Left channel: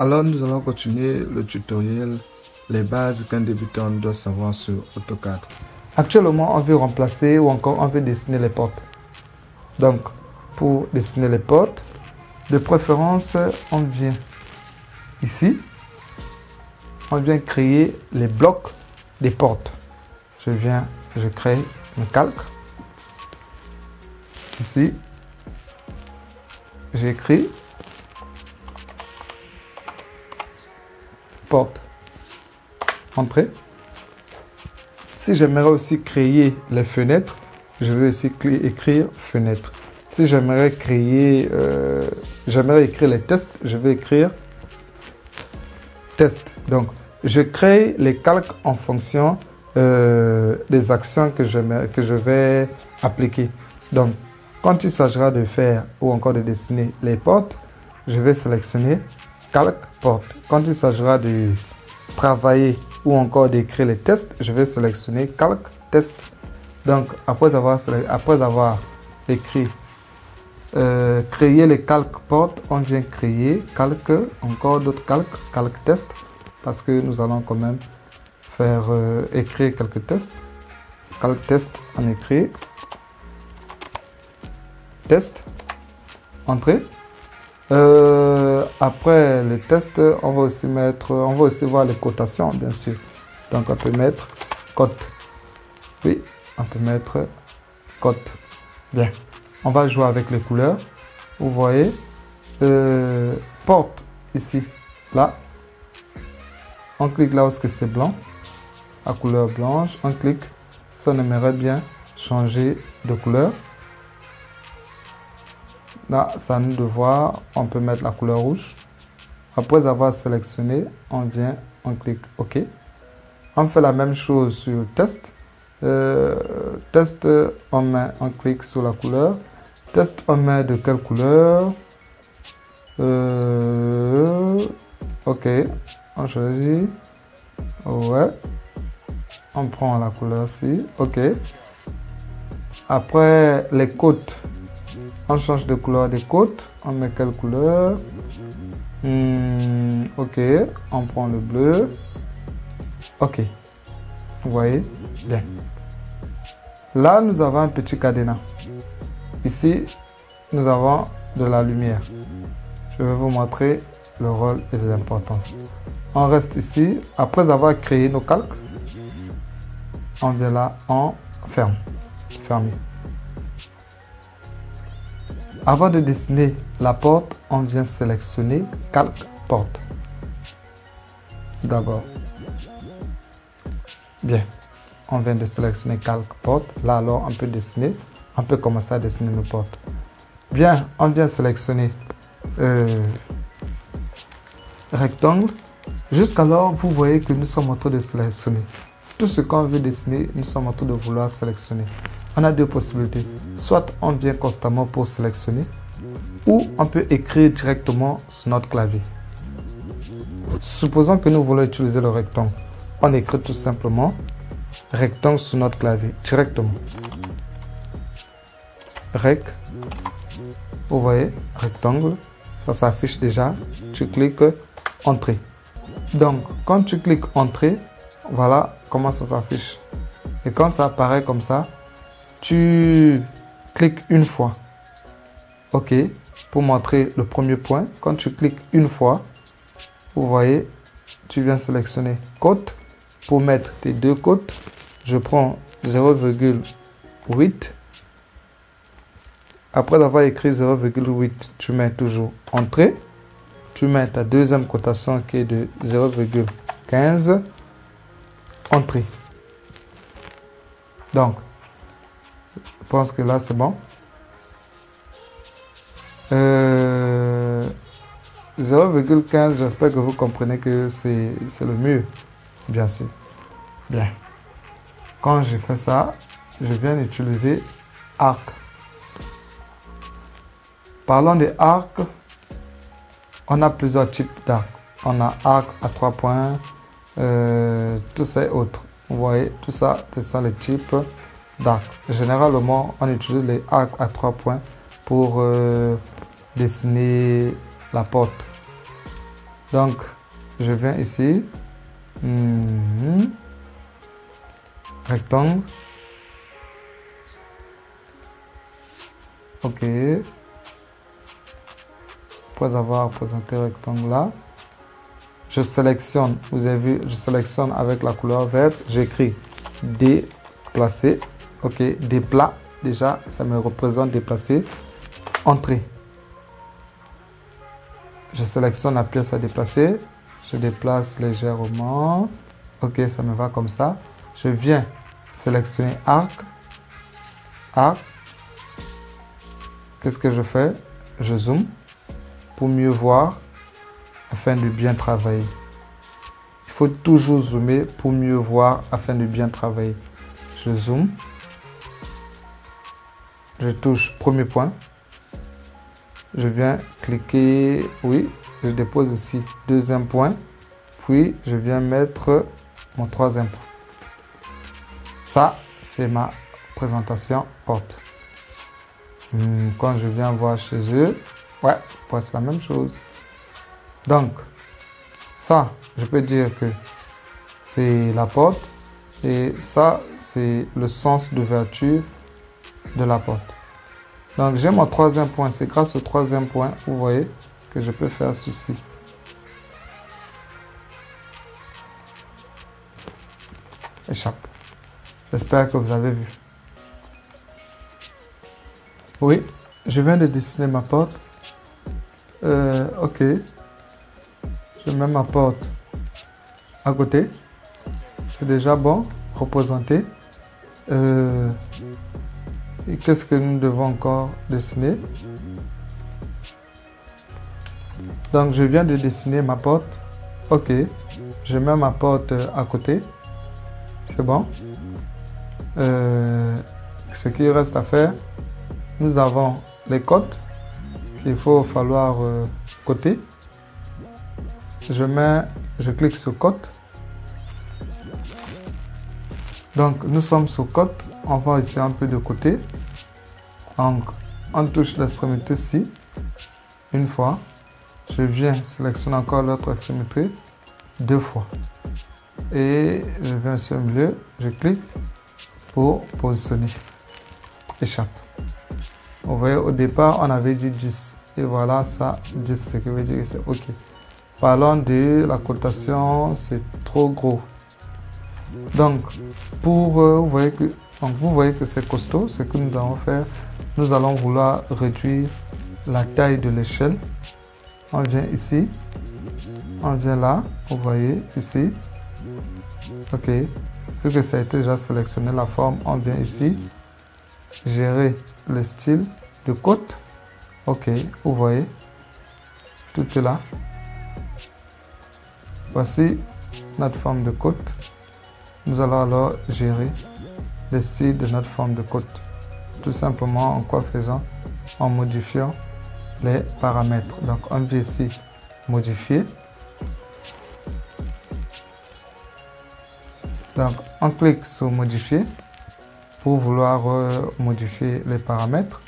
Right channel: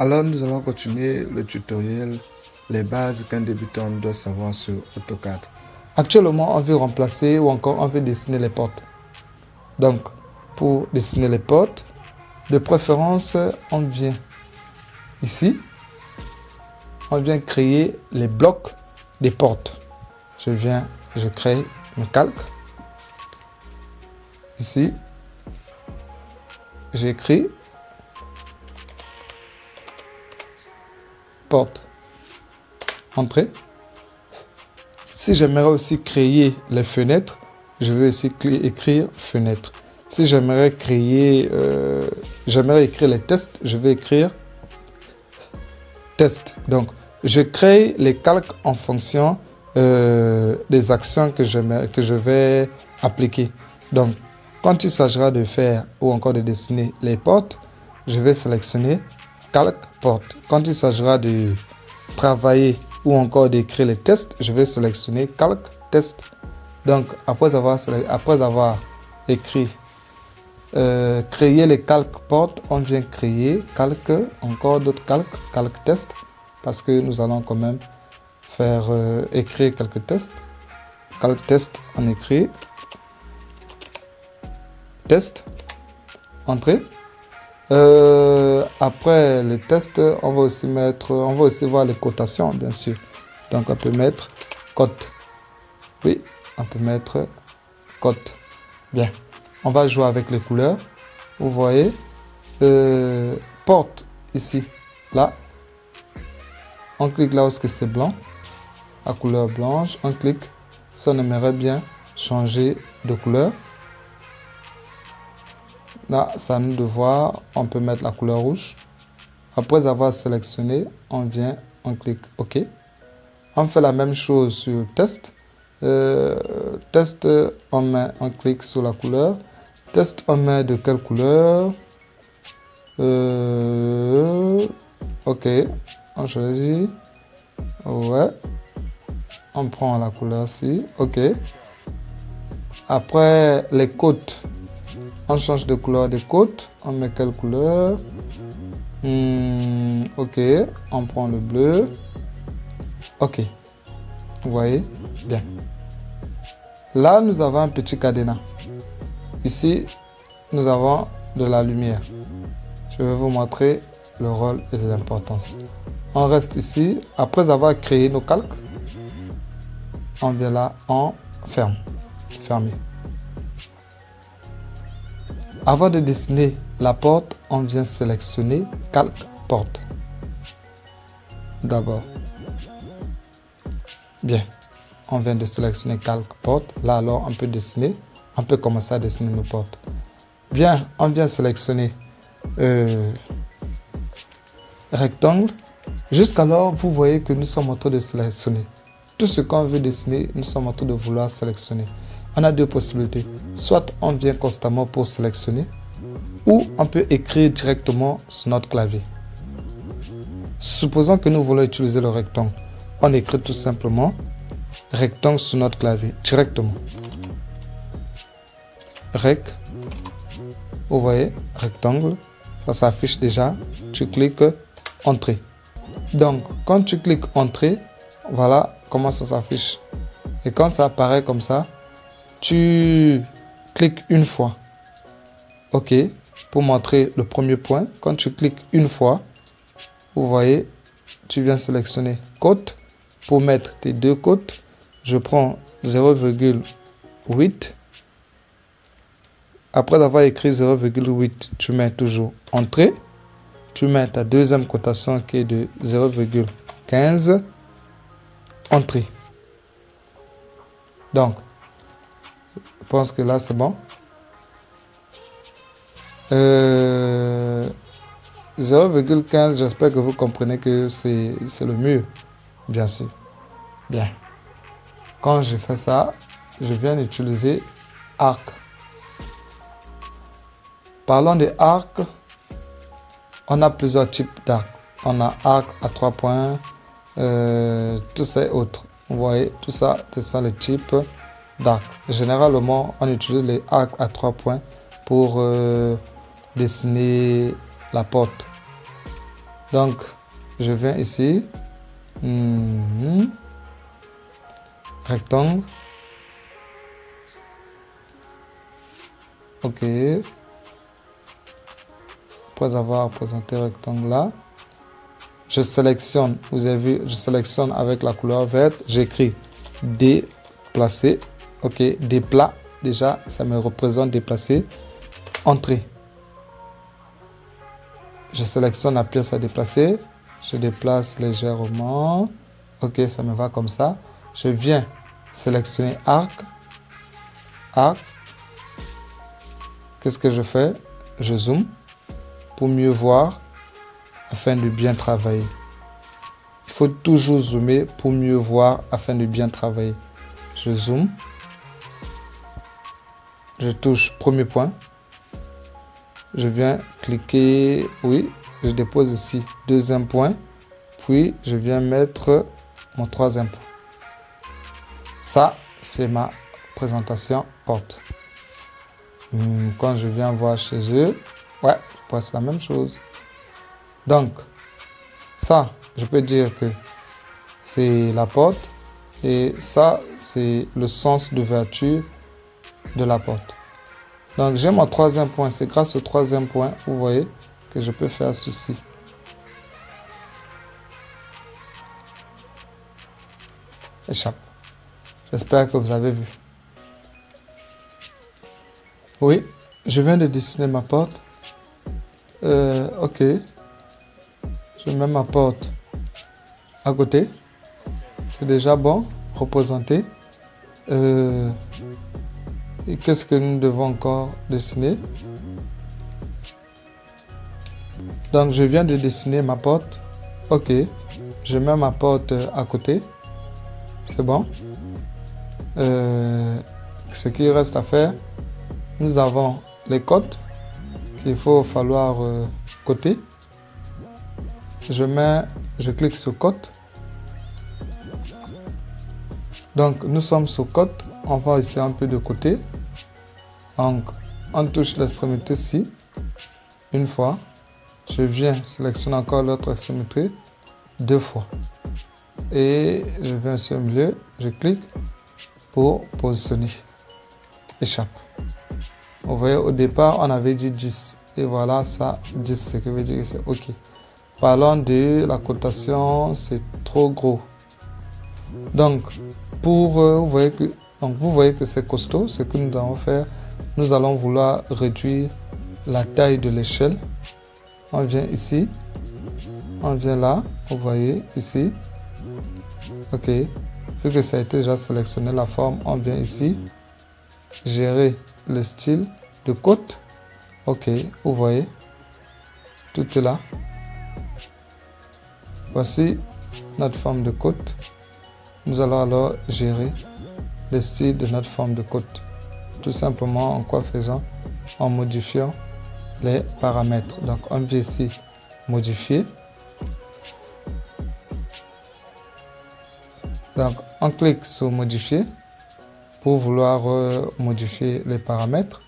Alors nous allons continuer le tutoriel, les bases qu'un débutant doit savoir sur AutoCAD. Actuellement, on veut remplacer ou encore on veut dessiner les portes. Donc, pour dessiner les portes, de préférence, on vient ici, on vient créer les blocs des portes. Je crée un calque. Ici, j'écris porte, entrée. Si j'aimerais aussi créer les fenêtres, je vais aussi écrire fenêtre. Si j'aimerais créer, j'aimerais écrire les tests, je vais écrire test. Donc, je crée les calques en fonction des actions que je vais appliquer. Donc, quand il s'agira de faire ou encore de dessiner les portes, je vais sélectionner calque porte. Quand il s'agira de travailler ou encore d'écrire les tests, je vais sélectionner calque test. Donc, après avoir écrit, créer les calques portes, on vient créer calque, encore d'autres calque test, parce que nous allons quand même faire écrire quelques tests. Calque test, on écrit test, entrée. Après le test, on va aussi voir les cotations, bien sûr. Donc on peut mettre cote. Oui, on peut mettre cote. Bien. On va jouer avec les couleurs. Vous voyez, porte ici, là. On clique là où c'est blanc, à couleur blanche. On clique si on aimerait bien changer de couleur. Là, c'est à nous de voir. On peut mettre la couleur rouge. Après avoir sélectionné, on vient, on clique OK. On fait la même chose sur test. Test, on clique sur la couleur. Test, on met de quelle couleur? OK. On choisit. Ouais. On prend la couleur ici. OK. Après, les côtes. On change de couleur des côtes. On met quelle couleur? OK. On prend le bleu. OK. Vous voyez? Bien. Là, nous avons un petit cadenas. Ici, nous avons de la lumière. Je vais vous montrer le rôle et l'importance. On reste ici. Après avoir créé nos calques, on vient là, on ferme. Fermé. Avant de dessiner la porte, on vient sélectionner calque porte. D'abord. Bien. On vient de sélectionner calque porte. Là, alors, on peut dessiner. On peut commencer à dessiner nos portes. Bien. On vient sélectionner rectangle. Jusqu'alors, vous voyez que nous sommes en train de sélectionner. Tout ce qu'on veut dessiner, nous sommes en train de vouloir sélectionner. On a deux possibilités. Soit on vient constamment pour sélectionner, ou on peut écrire directement sur notre clavier. Supposons que nous voulons utiliser le rectangle. On écrit tout simplement rectangle sur notre clavier, directement. Rec. Vous voyez, rectangle. Ça s'affiche déjà. Tu cliques entrée. Donc, quand tu cliques entrée, voilà comment ça s'affiche. Et quand ça apparaît comme ça, tu cliques une fois. OK. Pour montrer le premier point, quand tu cliques une fois, vous voyez, tu viens sélectionner côte. Pour mettre tes deux côtes, je prends 0,8. Après avoir écrit 0,8, tu mets toujours entrée. Tu mets ta deuxième cotation qui est de 0,15. Entrée. Donc, je pense que là c'est bon. 0,15, j'espère que vous comprenez que c'est le mur, bien sûr. Bien. Quand je fais ça, je viens d'utiliser arc. Parlons des arcs, on a plusieurs types d'arcs. On a arc à 3 points, tout ça et autres. Vous voyez, tout ça, c'est ça le type d'arc. Généralement, on utilise les arcs à 3 points pour dessiner la porte. Donc, je viens ici. Rectangle. Ok. Après avoir présenté le rectangle là, je sélectionne, vous avez vu, je sélectionne avec la couleur verte, j'écris déplacer. Ok, déplat, déjà, ça me représente déplacer. Entrée. Je sélectionne la pièce à déplacer. Je déplace légèrement. Ok, ça me va comme ça. Je viens sélectionner arc. Arc. Qu'est-ce que je fais? Je zoome pour mieux voir afin de bien travailler. Il faut toujours zoomer pour mieux voir afin de bien travailler. Je zoome. Je touche premier point. Je viens cliquer, oui, je dépose ici deuxième point, puis je viens mettre mon troisième point. Ça, c'est ma présentation porte. Quand je viens voir chez eux, ouais, c'est la même chose. Donc, ça, je peux dire que c'est la porte et ça, c'est le sens d'ouverture de la porte. Donc, j'ai mon troisième point. C'est grâce au troisième point, vous voyez, que je peux faire ceci. Échappe. J'espère que vous avez vu. Oui, je viens de dessiner ma porte. Ok. Je mets ma porte à côté. C'est déjà bon, représenté. Et qu'est-ce que nous devons encore dessiner? Donc, je viens de dessiner ma porte. Ok. Je mets ma porte à côté. C'est bon. Ce qu'il reste à faire, nous avons les côtes qu'il faut falloir côté. Je clique sur côte. Donc, nous sommes sur côte. On va ici un peu de côté. Donc, on touche l'extrémité ci. Une fois. Je viens sélectionner encore l'autre extrémité. Deux fois. Et je viens sur le milieu. Je clique pour positionner. Échappe. Vous voyez, au départ, on avait dit 10. Et voilà, ça, 10, ce qui veut dire que c'est OK. Parlons de la cotation, c'est trop gros. Donc, vous voyez que c'est costaud. Ce que nous allons faire, nous allons vouloir réduire la taille de l'échelle. On vient ici. On vient là. Vous voyez ici. OK. Vu que ça a été déjà sélectionné la forme, on vient ici. Gérer le style de côte. OK. Vous voyez. Tout est là. Voici notre forme de côte. Nous allons alors gérer le style de notre forme de côte. Tout simplement en quoi faisant? En modifiant les paramètres. Donc on vient ici modifier. Donc on clique sur modifier pour vouloir modifier les paramètres.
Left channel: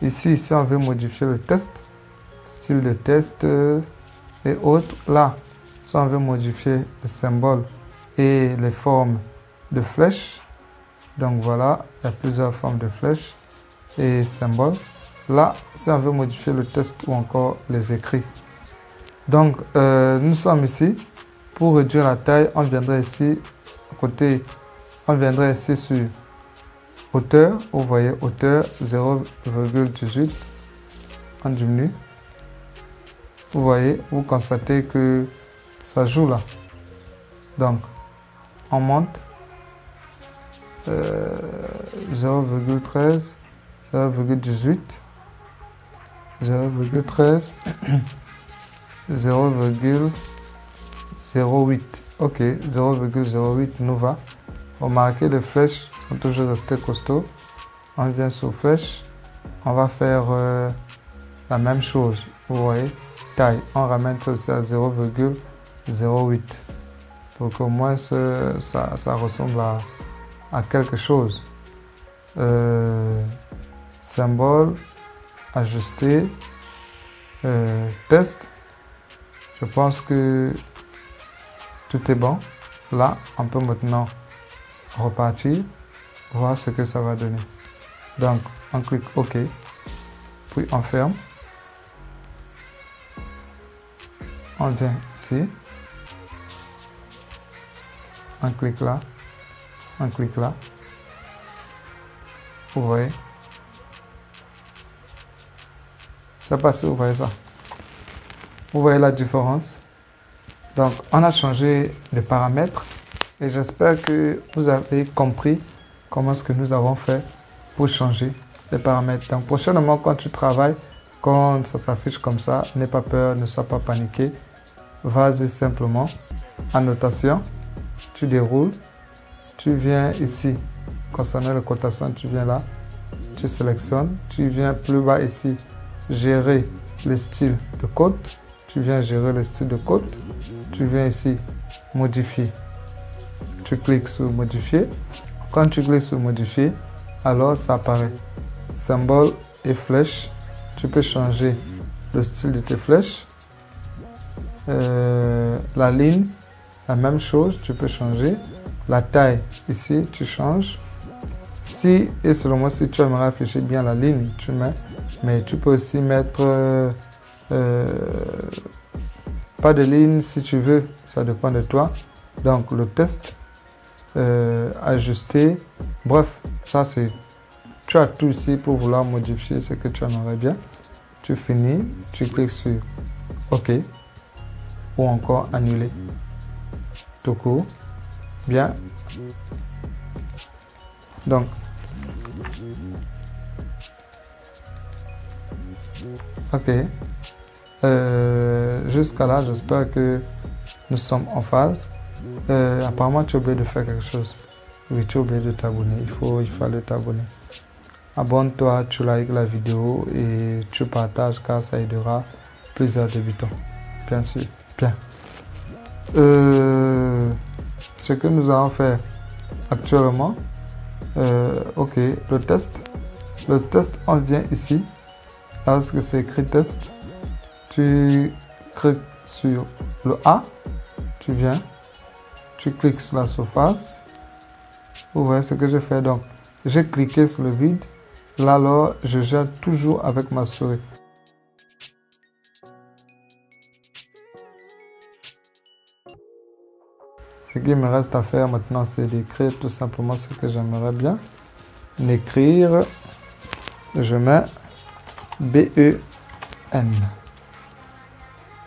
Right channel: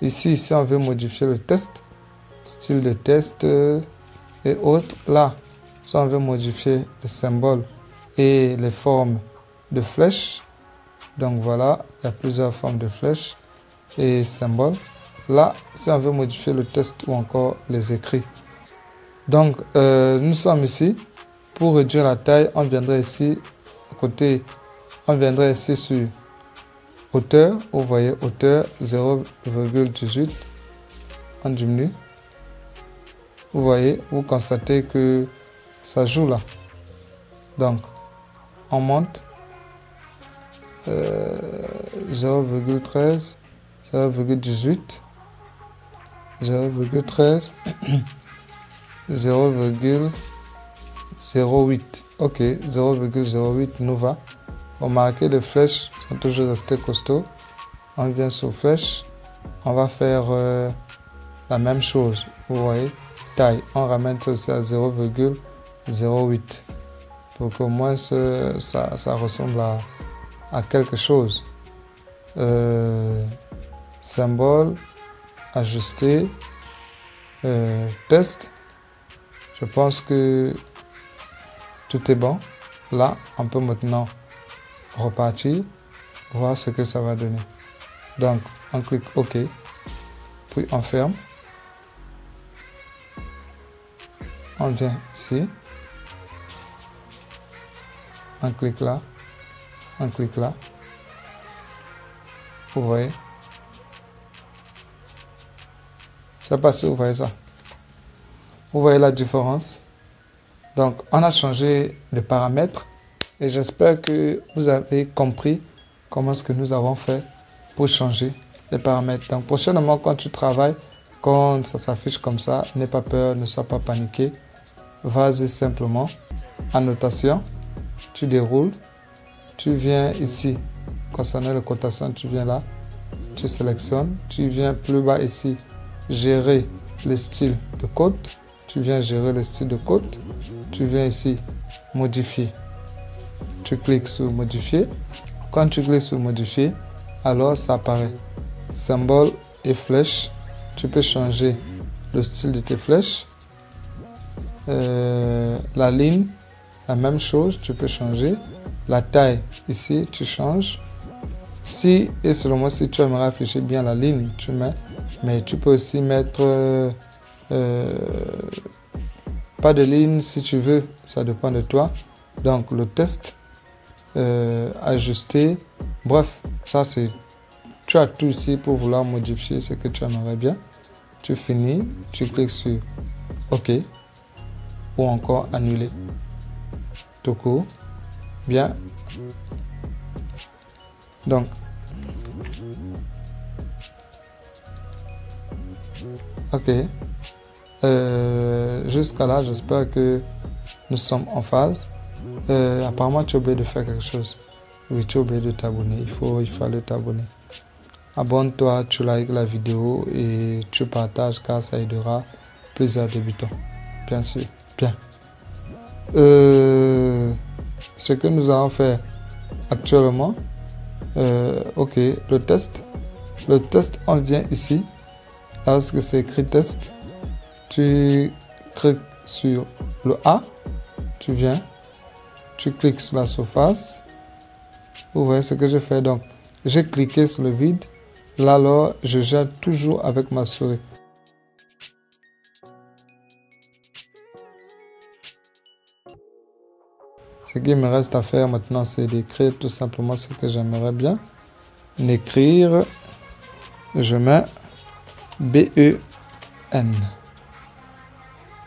Ici, si on veut modifier le test, style de test et autres, là, si on veut modifier le symbole et les formes de flèches, donc voilà, il y a plusieurs formes de flèches et symboles. Là, si on veut modifier le test ou encore les écrits. Donc, nous sommes ici. Pour réduire la taille, on viendrait ici, côté, on viendrait ici sur hauteur. Vous voyez, hauteur 0,18. On diminue. Vous voyez, vous constatez que ça joue là. Donc, on monte 0,13, 0,18, 0,13, 0,08. Ok, 0,08 nous va. Remarquez, les flèches sont toujours restées costauds. On vient sur flèche. On va faire la même chose. Vous voyez, taille. On ramène ça aussi à 0,08 pour qu'au moins ça ressemble à quelque chose. Symbole, ajuster, test. Je pense que tout est bon. Là, on peut maintenant repartir, voir ce que ça va donner. Donc, on clique OK, puis on ferme. On vient ici. On clique là. On clique là. Vous voyez. Je sais pas si vous voyez ça. Vous voyez la différence. Donc, on a changé de paramètres. Et j'espère que vous avez compris comment est-ce que nous avons fait pour changer les paramètres. Donc, prochainement, quand tu travailles, quand ça s'affiche comme ça, n'aie pas peur, ne sois pas paniqué. Vas-y simplement. Annotation. Tu déroules. Tu viens ici. Concernant la cotation, tu viens là. Tu sélectionnes. Tu viens plus bas ici. Gérer le style de code. Tu viens gérer le style de code. Tu viens ici. Modifier. Tu cliques sur modifier. Quand tu cliques sur modifier, alors ça apparaît. Symbole et flèche. Tu peux changer le style de tes flèches. La ligne, la même chose, tu peux changer. La taille, ici, tu changes. Si et seulement si tu aimerais afficher bien la ligne, tu mets. Mais tu peux aussi mettre pas de ligne si tu veux. Ça dépend de toi. Donc le test, ajuster. Bref, ça c'est... Tu as tout ici pour vouloir modifier ce que tu aimerais bien. Tu finis, tu cliques sur OK ou encore annuler. Tout court. Bien. Donc, OK. Jusqu'à là, j'espère que nous sommes en phase. Apparemment, tu as oublié de faire quelque chose. Oui, tu as oublié de t'abonner. Il fallait t'abonner. Abonne-toi, tu likes la vidéo et tu partages car ça aidera plusieurs débutants. Bien sûr. Bien. Ce que nous allons faire actuellement, OK, le test. Le test, on vient ici. Lorsque c'est écrit test, tu cliques sur le A. Tu viens. Tu cliques sur la surface. Vous voyez ce que je fais. Donc, j'ai cliqué sur le vide. Là, alors, je gère toujours avec ma souris. Ce qu'il me reste à faire maintenant, c'est d'écrire tout simplement ce que j'aimerais bien. L'écrire, je mets B-E-N.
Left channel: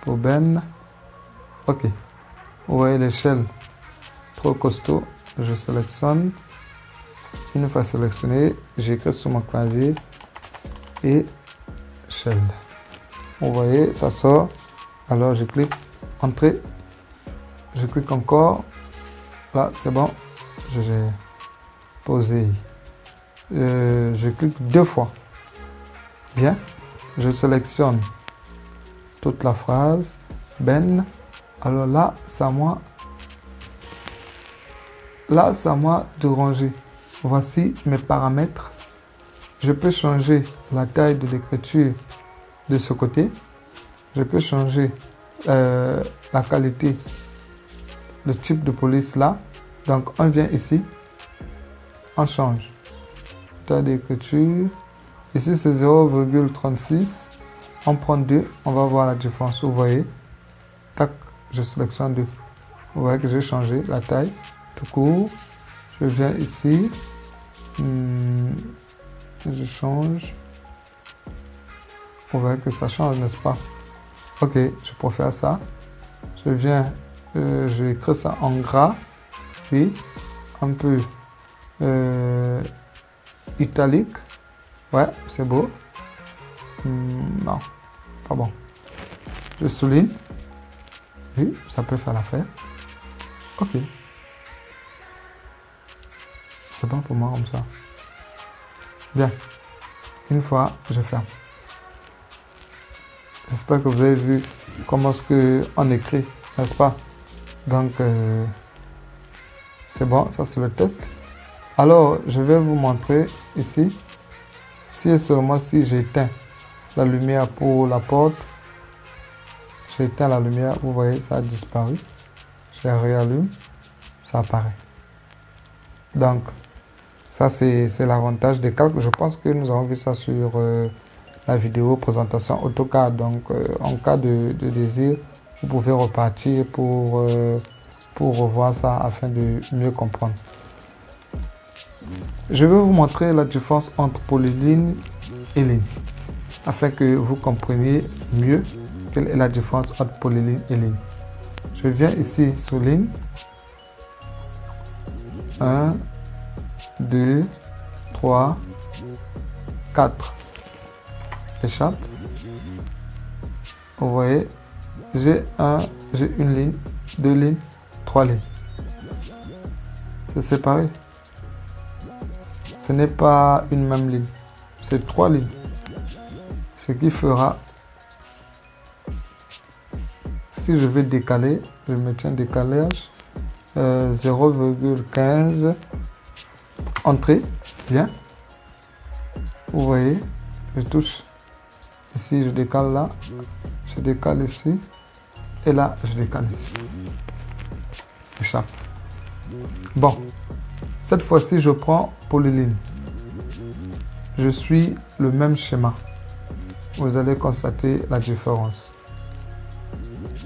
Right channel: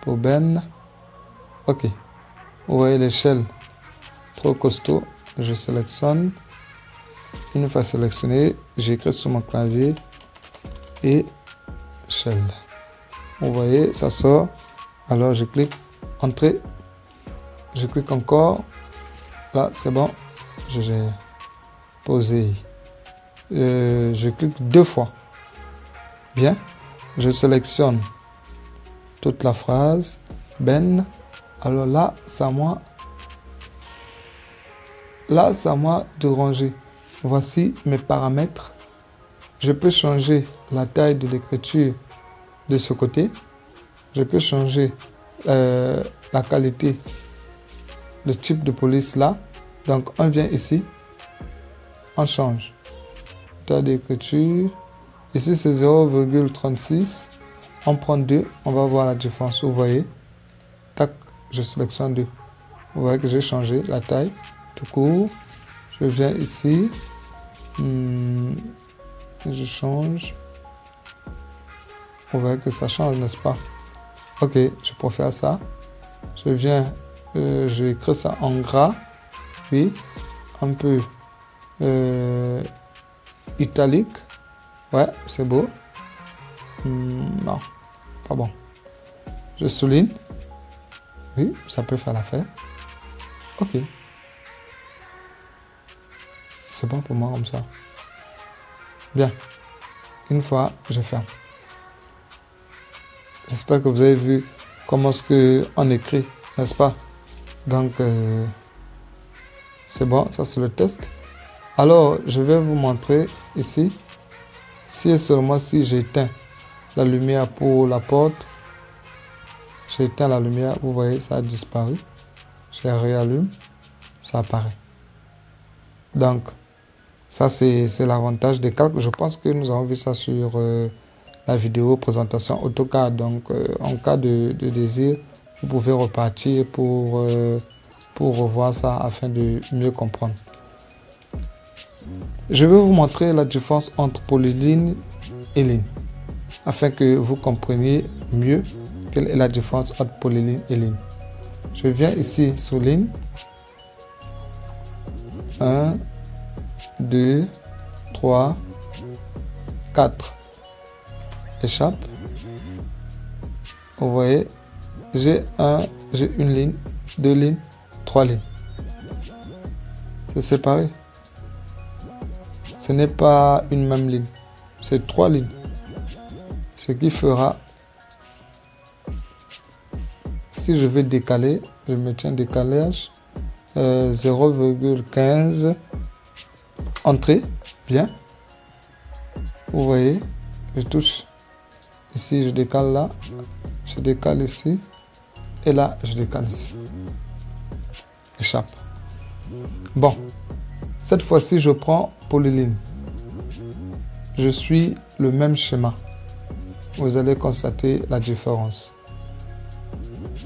Pour Ben. OK. Vous voyez l'échelle trop costaud. Je sélectionne. Une fois sélectionné, j'écris sur mon clavier et shell. Vous voyez, ça sort. Alors je clique entrée. Je clique encore. Là, c'est bon. J'ai posé. Je clique 2 fois. Bien. Je sélectionne toute la phrase. Ben. Alors là, c'est à moi. Là, c'est à moi de ranger. Voici mes paramètres. Je peux changer la taille de l'écriture de ce côté. Je peux changer la qualité, le type de police là. Donc, on vient ici. On change. Taille d'écriture. Ici, c'est 0,36. On prend 2. On va voir la différence. Vous voyez. Tac, je sélectionne 2. Vous voyez que j'ai changé la taille. Tout court. Je viens ici. Je change. Vous voyez que ça change, n'est-ce pas? OK, je peux faire ça. Je viens, je écris ça en gras. Puis, un peu italique. Ouais, c'est beau. Non, pas bon. Je souligne. Oui, ça peut faire l'affaire. OK. C'est bon pour moi comme ça. Bien. Une fois, je ferme. J'espère que vous avez vu comment est-ce qu'on écrit, n'est-ce pas? Donc, c'est bon, ça c'est le test. Alors, je vais vous montrer ici. Si et seulement si j'éteins la lumière pour la porte, j'éteins la lumière, vous voyez, ça a disparu. Je réallume, ça apparaît. Donc, ça c'est l'avantage des calques. Je pense que nous avons vu ça sur la vidéo présentation AutoCAD. Donc, en cas de désir, vous pouvez repartir pour revoir ça afin de mieux comprendre. Je vais vous montrer la différence entre polyligne et ligne, afin que vous compreniez mieux quelle est la différence entre polyligne et ligne. Je viens ici sur ligne. 1, 2, 3, 4. Échappe. Vous voyez, j'ai une ligne, 2 lignes, 3 lignes. C'est séparé. Ce n'est pas une même ligne, c'est 3 lignes. Ce qui fera, si je vais décaler, je maintiens décalage 0,15 entrée, bien. Vous voyez, je touche ici, je décale là, je décale ici, et là, je décale ici. Échappe. Bon, cette fois-ci, je prends polyligne. Je suis le même schéma. Vous allez constater la différence.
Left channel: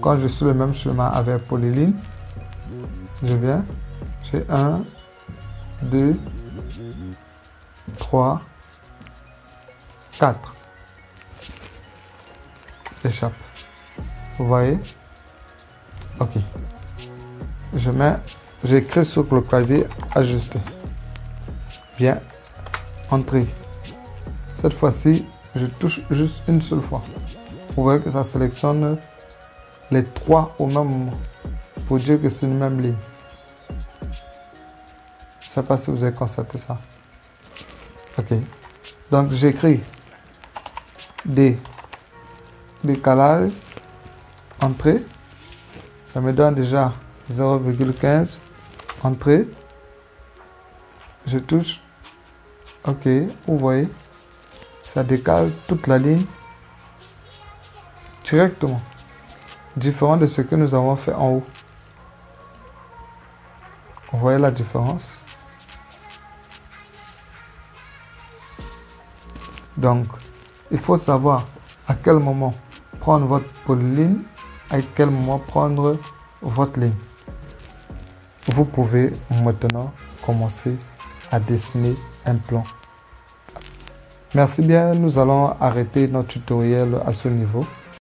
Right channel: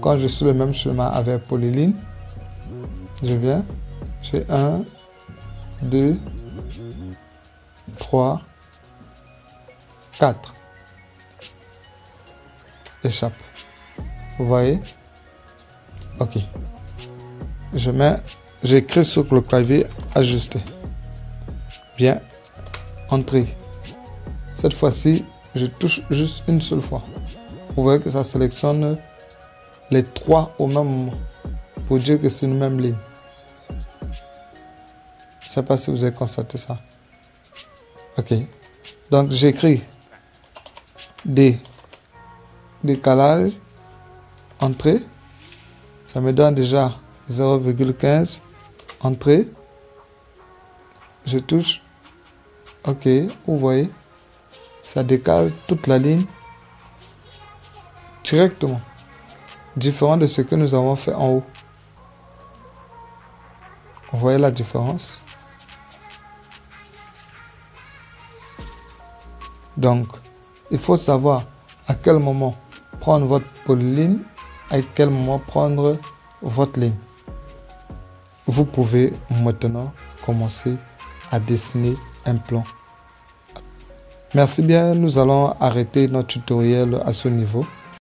Quand je suis le même schéma avec polyligne, je viens, j'ai 1, 2, 3, 4. Échappe. Vous voyez? Ok. J'écris sur le clavier ajuster. Bien. Entrée. Cette fois-ci, je touche juste une seule fois. Vous voyez que ça sélectionne les 3 au même moment. Pour dire que c'est une même ligne. Je ne sais pas si vous avez constaté ça. Ok. Donc j'écris décalage, entrée. Ça me donne déjà 0,15 entrée. Je touche. Ok. Vous voyez. Ça décale toute la ligne directement. Différent de ce que nous avons fait en haut. Vous voyez la différence? Donc, il faut savoir à quel moment prendre votre polyligne, à quel moment prendre votre ligne. Vous pouvez maintenant commencer à dessiner un plan. Merci bien, nous allons arrêter notre tutoriel à ce niveau.